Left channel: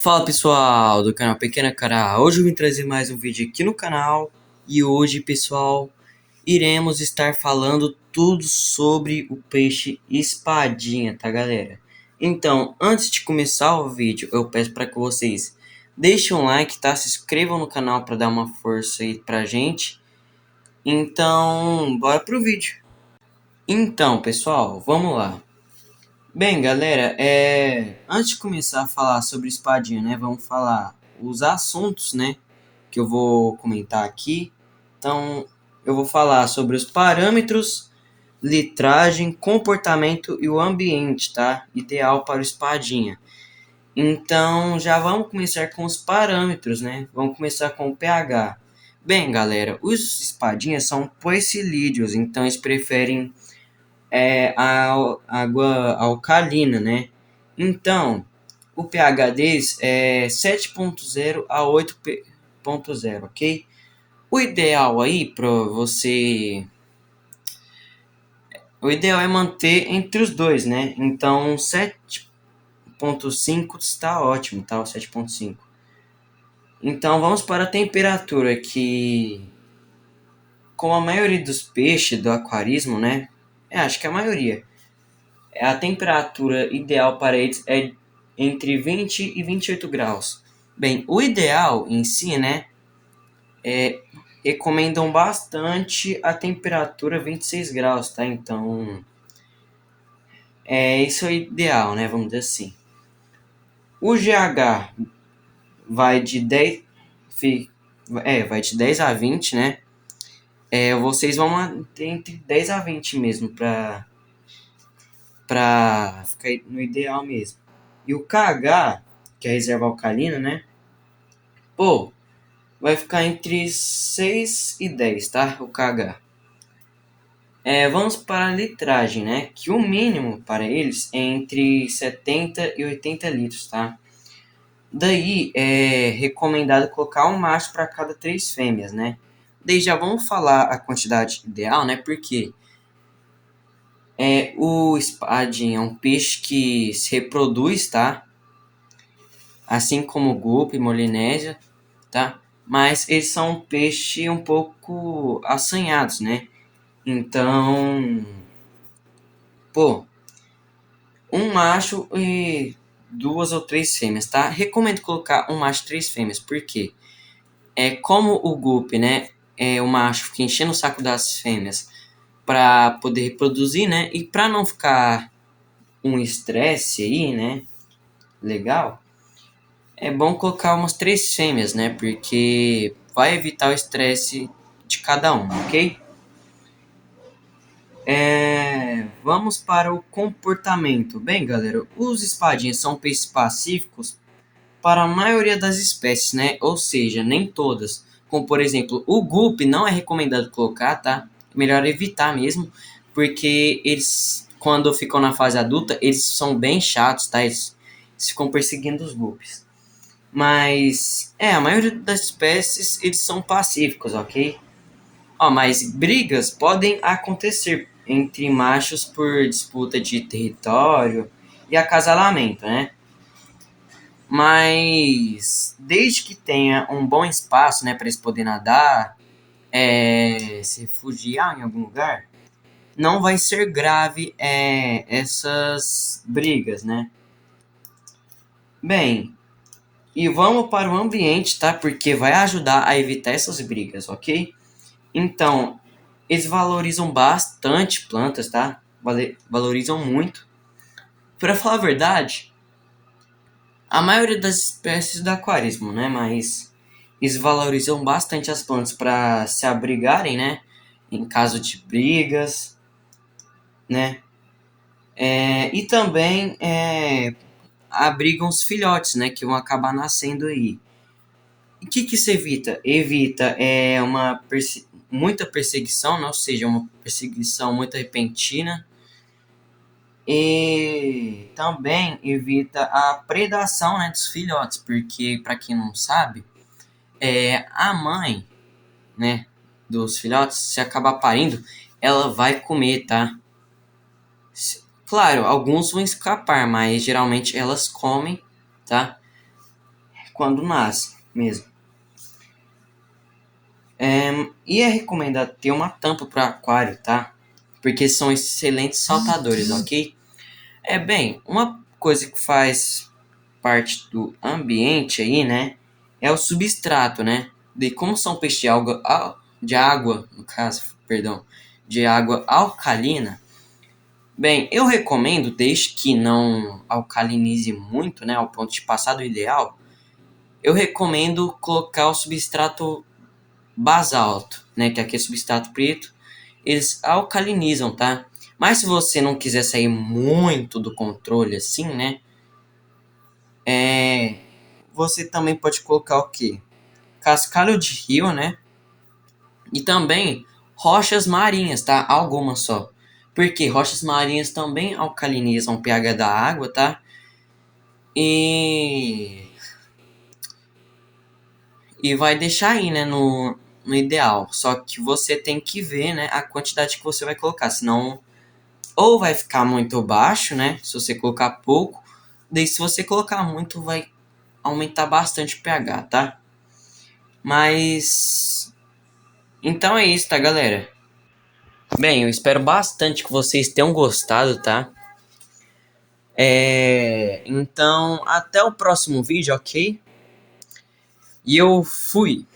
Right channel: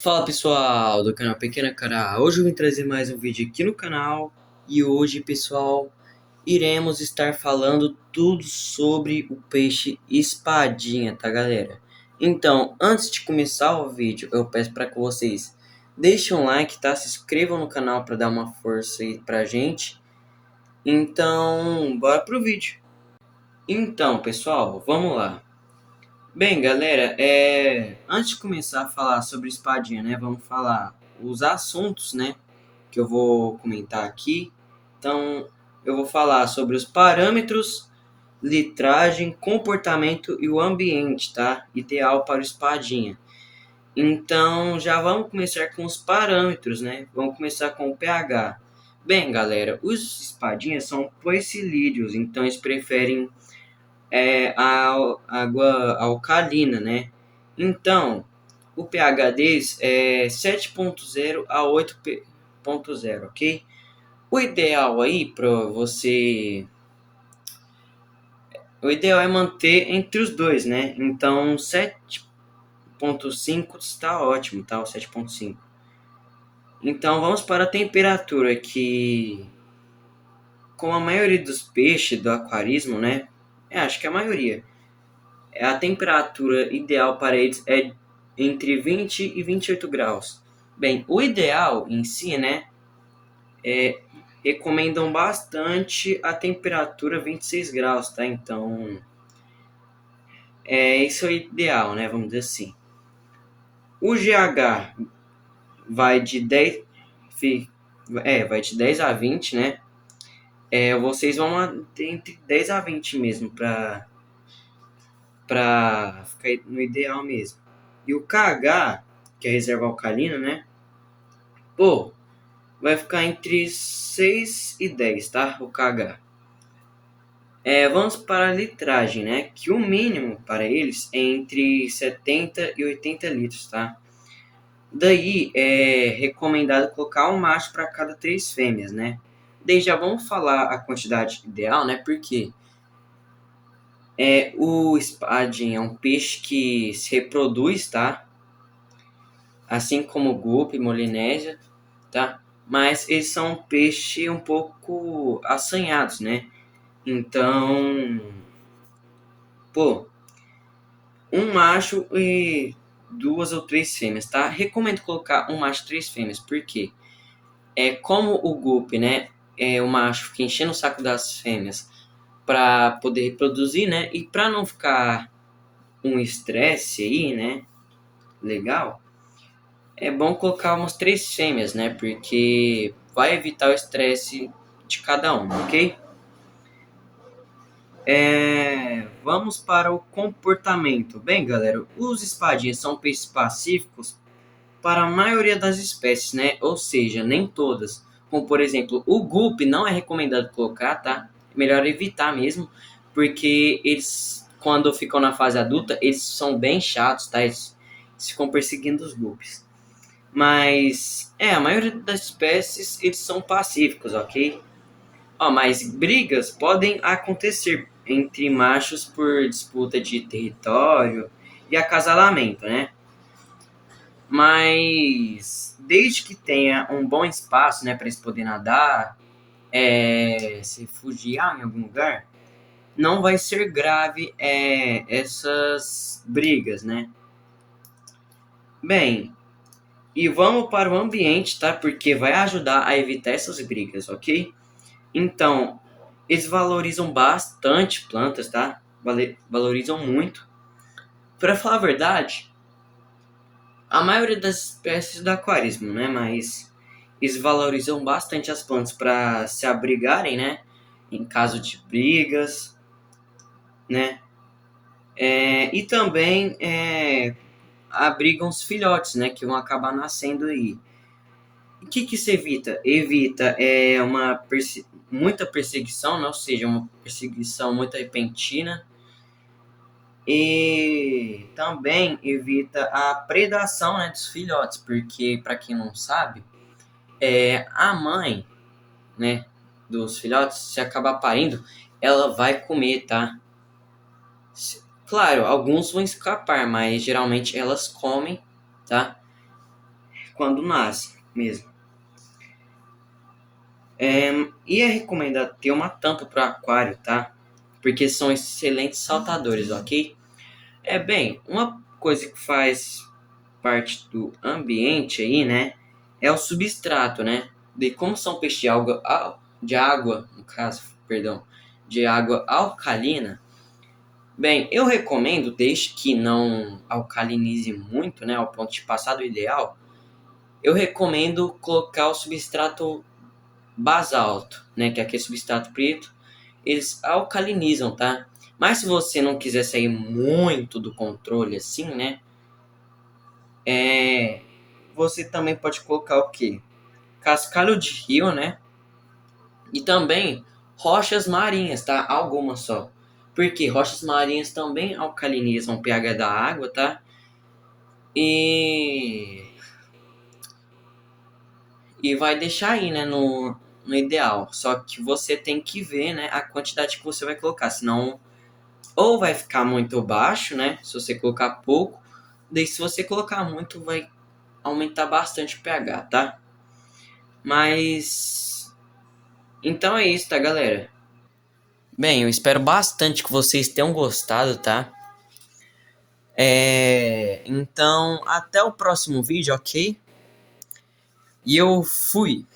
Fala pessoal do canal Pequena Cara, hoje eu vim trazer mais um vídeo aqui no canal e hoje pessoal iremos estar falando tudo sobre o peixe espadinha, tá galera? Então, antes de começar o vídeo, eu peço para que vocês deixem um like, tá? Se inscrevam no canal para dar uma força aí pra gente. Então, bora pro vídeo. Então pessoal, vamos lá. Bem, galera, antes de começar a falar sobre espadinha, né, vamos falar os assuntos, né, que eu vou comentar aqui. Então, eu vou falar sobre os parâmetros, litragem, comportamento e o ambiente, tá? Ideal para o espadinha. Então, já vamos começar com os parâmetros, né? Vamos começar com o pH. Bem, galera, os espadinhas são poecilídeos, então eles preferem a água alcalina, né? Então, o pH deles é 7,0 a 8,0, ok? O ideal aí para você. O ideal é manter entre os dois, né? Então, 7,5 está ótimo, tá? O 7,5. Então, vamos para a temperatura, que, como a maioria dos peixes do aquarismo, né? Acho que a maioria. A temperatura ideal para eles é entre 20 e 28 graus. Bem, o ideal em si, né, recomendam bastante a temperatura 26 graus, tá? Então, isso é o ideal, né, vamos dizer assim. O GH vai de 10, vai de 10 a 20, né? Vocês vão manter entre 10 a 20 mesmo, para ficar no ideal mesmo. E o KH, que é a reserva alcalina, né? Pô, vai ficar entre 6 e 10, tá? O KH. Vamos para a litragem, né? Que o mínimo para eles é entre 70 e 80 litros, tá? Daí é recomendado colocar um macho para cada 3 fêmeas, né? Daí já vamos falar a quantidade ideal, né? Porque o espadinho é um peixe que se reproduz, tá? Assim como o gupe e molinésia, tá? Mas eles são um peixe um pouco assanhados, né? Então, pô, um macho e 2 ou 3 fêmeas, tá? Recomendo colocar um macho e 3 fêmeas, porque como o gupe, né? O macho fica enchendo o saco das fêmeas para poder reproduzir, né? E para não ficar um estresse aí, né? Legal. É bom colocar umas 3 fêmeas, né? Porque vai evitar o estresse de cada um, ok? Vamos para o comportamento. Bem, galera, os espadinhas são peixes pacíficos para a maioria das espécies, né? Ou seja, nem todas. Como, por exemplo, o guppy não é recomendado colocar, tá? É melhor evitar mesmo, porque eles, quando ficam na fase adulta, eles são bem chatos, tá? Eles ficam perseguindo os guppies. Mas, a maioria das espécies, eles são pacíficos, ok? Mas brigas podem acontecer entre machos por disputa de território e acasalamento, né? Mas desde que tenha um bom espaço, né, para eles poderem nadar, se refugiar em algum lugar, não vai ser grave essas brigas, né? Bem, e vamos para o ambiente, tá? Porque vai ajudar a evitar essas brigas, ok? Então, eles valorizam bastante plantas, tá? Valorizam muito. Para falar a verdade, a maioria das espécies do aquarismo, né? Mas eles valorizam bastante as plantas para se abrigarem, né? Em caso de brigas, né? E também abrigam os filhotes, né? Que vão acabar nascendo aí. E o que se evita? Evita muita perseguição, né? Ou seja, uma perseguição muito repentina. E também evita a predação, né, dos filhotes, porque, para quem não sabe, a mãe, né, dos filhotes, se acabar parindo, ela vai comer, tá? Claro, alguns vão escapar, mas geralmente elas comem, tá? quando nasce mesmo. E é recomendado ter uma tampa para aquário, tá? Porque são excelentes saltadores, ok? Bem, uma coisa que faz parte do ambiente aí, né? É o substrato, né? De como são peixes de água, no caso, perdão, de água alcalina. Bem, eu recomendo, desde que não alcalinize muito, né? Ao ponto de passar do ideal, eu recomendo colocar o substrato basalto, né? Que é aquele substrato preto. Eles alcalinizam, tá? Mas se você não quiser sair muito do controle assim, né? Você também pode colocar o quê? Cascalho de rio, né? E também rochas marinhas, tá? Algumas só. Porque rochas marinhas também alcalinizam o pH da água, tá? E, e vai deixar aí, né, no ideal. Só que você tem que ver, né, a quantidade que você vai colocar. Senão, ou vai ficar muito baixo, né? Se você colocar pouco. Daí, se você colocar muito, vai aumentar bastante o pH, tá? Mas então é isso, tá, galera? Bem, eu espero bastante que vocês tenham gostado, tá? Então, até o próximo vídeo, ok? E eu fui!